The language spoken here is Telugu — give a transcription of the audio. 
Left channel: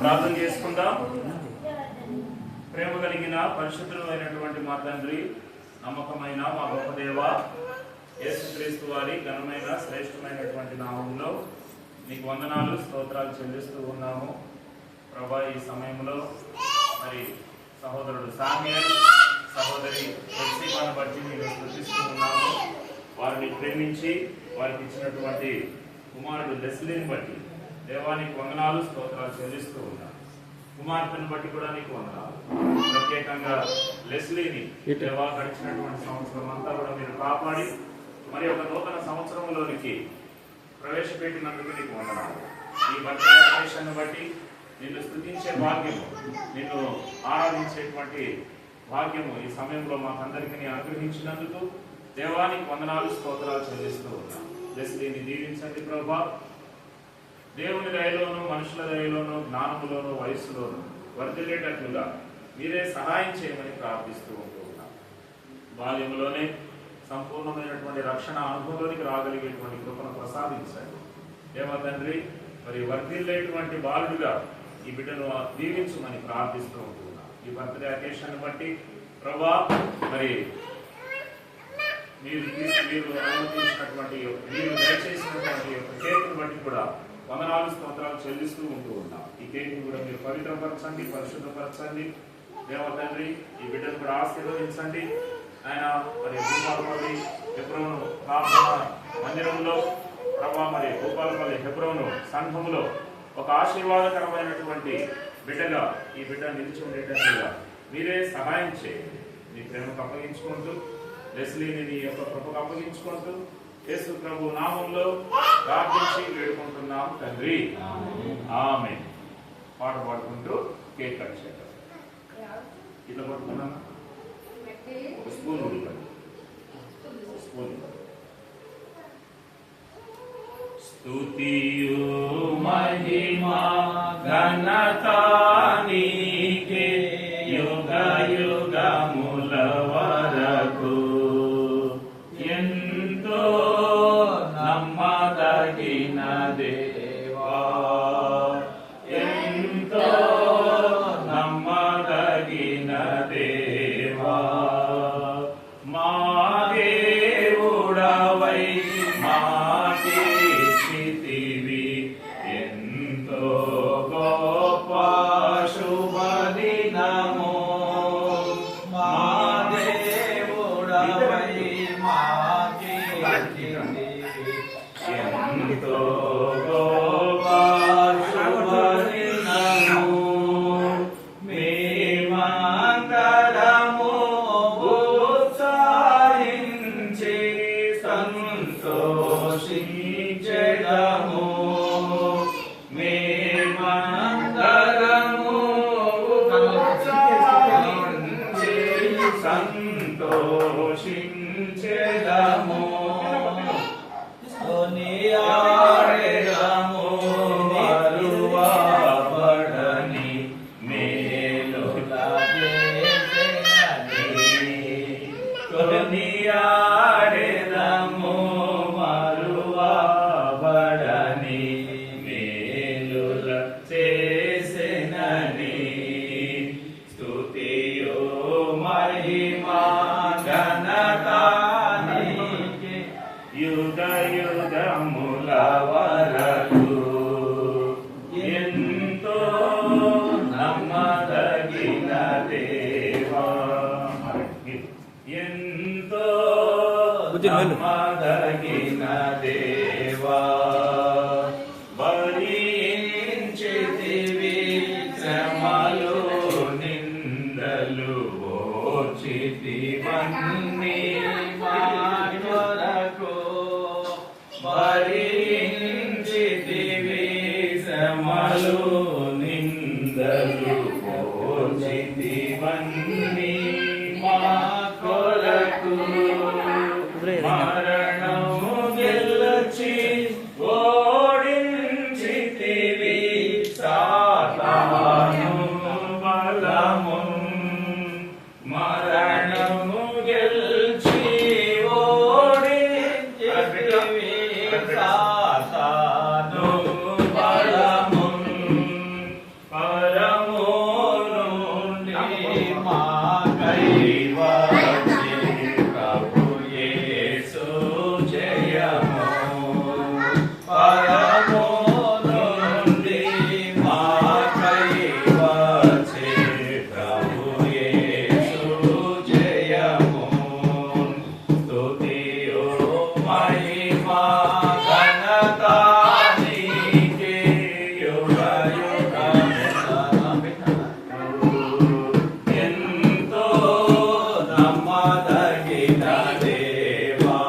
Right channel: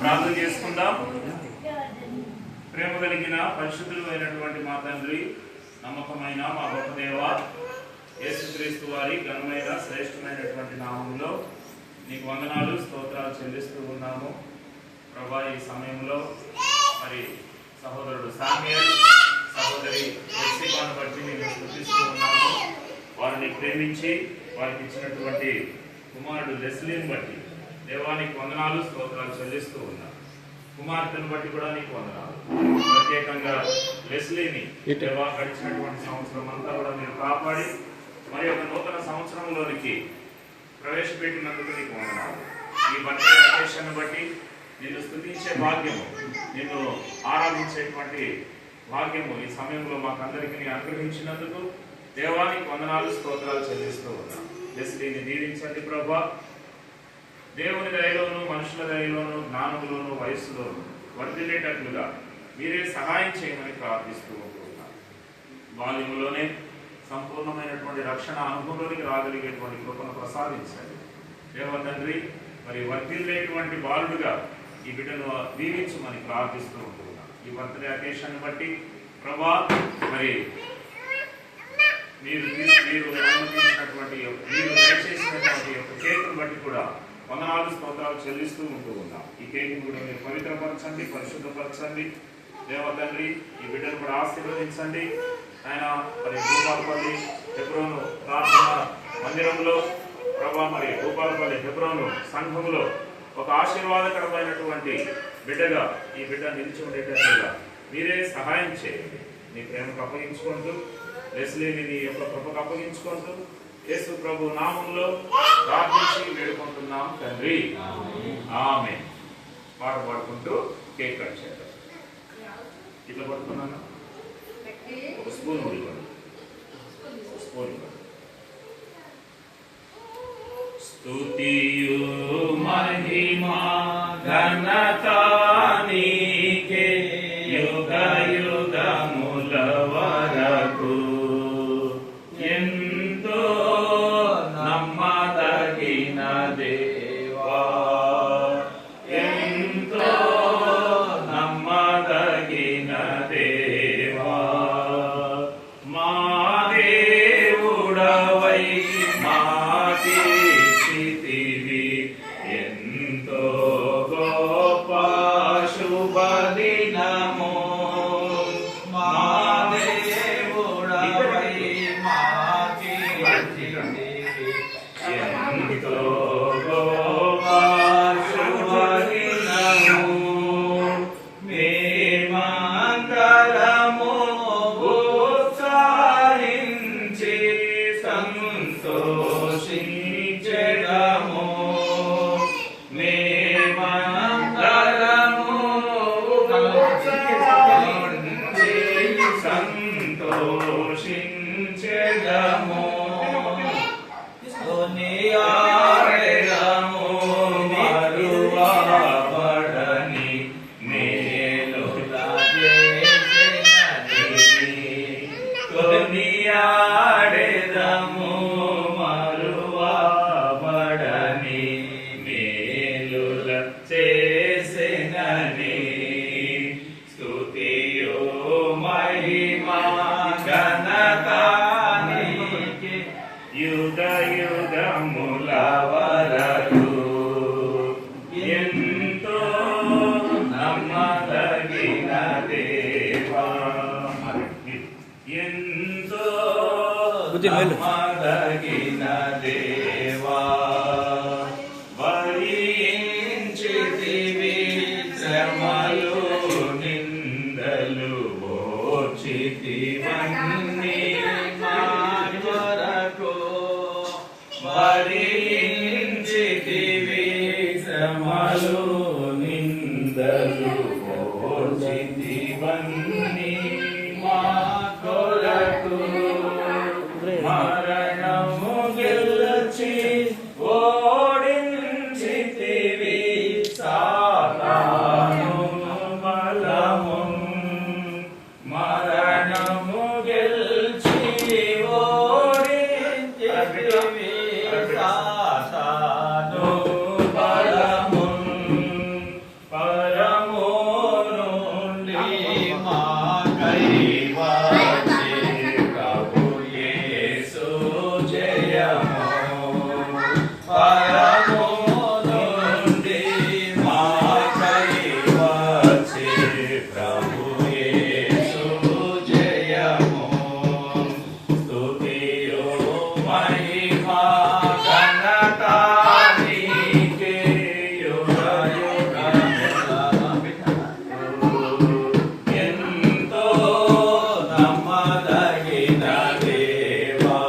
ప్రార్థన చేసుకుందాం. ప్రేమ కలిగిన పరిశుద్ధులు అయినటువంటి మా తండ్రి, నమ్మకమైన మా గొప్ప దేవ, యేసుక్రీస్తు వారి ఘనమైన శ్రేష్టమైనటువంటి నామంలో నీకు వందనాలు, స్తోత్రాలు చెల్లిస్తూ ఉన్నాము. ప్రభా, ఈ సమయంలో మరి సహోదరుడు సామ్యూయల్, సహోదరి ఎస్సీబాను బట్టి నేను స్తుతిస్తూ ఉన్నాము. వారిని ప్రేమించి వారికి ఇచ్చినటువంటి కుమారుడు లెస్లీని బట్టి దేవానికి వందనాలు, స్తోత్రాలు చెల్లిస్తూ ఉన్నాను. కుమార్తెను బట్టి కూడా నీకు వందనాలు. ప్రత్యేకంగా లెస్లీని దేవా గడిచినటువంటి సంవత్సరం అంతా కూడా మీరు కాపాడి మరి ఒక నూతన సంవత్సరంలోనికి ప్రవేశపెట్టినందుకు నీకు వందనాలు. ఈ బర్త్డే అకేషన్ బట్టి నిన్ను స్తుతించే భాగ్యము, నిన్ను ఆరాధించేటువంటి భాగ్యము ఈ సమయంలో మాకందరికీ అనుగ్రహించినందుకు దేవానికి వందనాలు, స్తోత్రాలు చెల్లిస్తూ ఉన్నాం. లెస్లీని దీవించండి ప్రభా. దేవుని దయలోను, మనుషుల దయలోను, జ్ఞానములోను, వయస్సులోను వర్ధిల్లేటట్లుగా మీరే సహాయం చేయమని ప్రార్థిస్తూ ఉంటున్నాను. బాల్యంలోనే సంపూర్ణమైనటువంటి రక్షణ అనుభవంలోనికి రాగలిగేటువంటి కృపను ప్రసాదించండి దేవ తండ్రి. మరి వర్ధిల్లేటువంటి బాలుడుగా ఈ బిడ్డను దీవించమని ప్రార్థిస్తూ ఉంటున్నాను. ఈ బర్త్డే అకేషన్ బట్టి ప్రభా, మరి మీరు అనుమతించినటువంటి మీరు దయచేసినటువంటి కేకును బట్టి కూడా వందనాలు, స్తోత్రాలు చెల్లిస్తూ ఉంటూ ఉన్నాం. ఈ కేకును కూడా మీరు పవిత్రపరచండి, పరిశుద్ధపరచండి దేవ తండ్రి. ఈ బిడ్డను కూడా ఆశీర్వదించండి ఆయన. మరి భూపాలపల్లి హెబ్రోను ప్రార్థన మందిరంలో ప్రభా, మరి భూపాలపల్లి హెబ్రోను సంఘములో ఒక ఆశీర్వాదకరమైనటువంటి బిడ్డగా ఈ బిడ్డ నిలిచి ఉండేటట్లుగా మీరే సహాయం చేయండి. నీ ప్రేమకు అప్పగించుకుంటూ, లెస్లీని నీ యొక్క కృపకు అప్పగించుకుంటూ యేసు ప్రభు నామంలో ప్రార్థించి వేడుకుంటున్నాం తండ్రి, ఆమేన్. పాట పాడుకుంటూ కేక్ కట్ చేద్దాం. ఇట్లా పడుతున్నాను. ఒక స్పూన్ ఉడిపడు, స్పూన్ స్తుతియు మహిమా ఘనత నీకే యుగ యుగముల వరకు. ఎంతో నమ్మదగిన దేవా, ఎంతో నమ్మదగిన దేవా, మా దేవుడవై మాకిచ్చితివి ఎంతో గొప్ప శుభదినము. మా దేవుడవై మాకిచ్చితివి ఎంతో గొప్ప శుభదినము. మేమందరము ఉత్సాహించి సంతోషించెదము. మేమందరము ఉత్సాహించి సంతోషించెదము. కొనియాడెదము మరువబడని మేలుల చేసినని. కొనియాడెదము మరువబడని మేలుల చేసినని. స్తుతియు మహిమా ఘనత నీకే యుగ యుగముల వరకు. ఎంతో నమ్మదగిన దేవా, ఎంతో నమ్మదగిన దేవా, భరించితివి శ్రమలు నిందలు ఓర్చితివన్నీ మా కొరకు. భరించితివి శ్రమలు నిందలు ఓర్చితివన్నీ మా కొరకు. మరణము గెలిచి ఓడించితివి సాతాను బలము. మరణము గెలిచి ఓడించితివి సాతాను బలము. పరము నుండి మాకై వచ్చే ప్రభు యేసు జయము. స్తుతియు మహిమా ఘనత నీకే యుగ యుగములు. ఎంతో నమ్మదగిన దేవా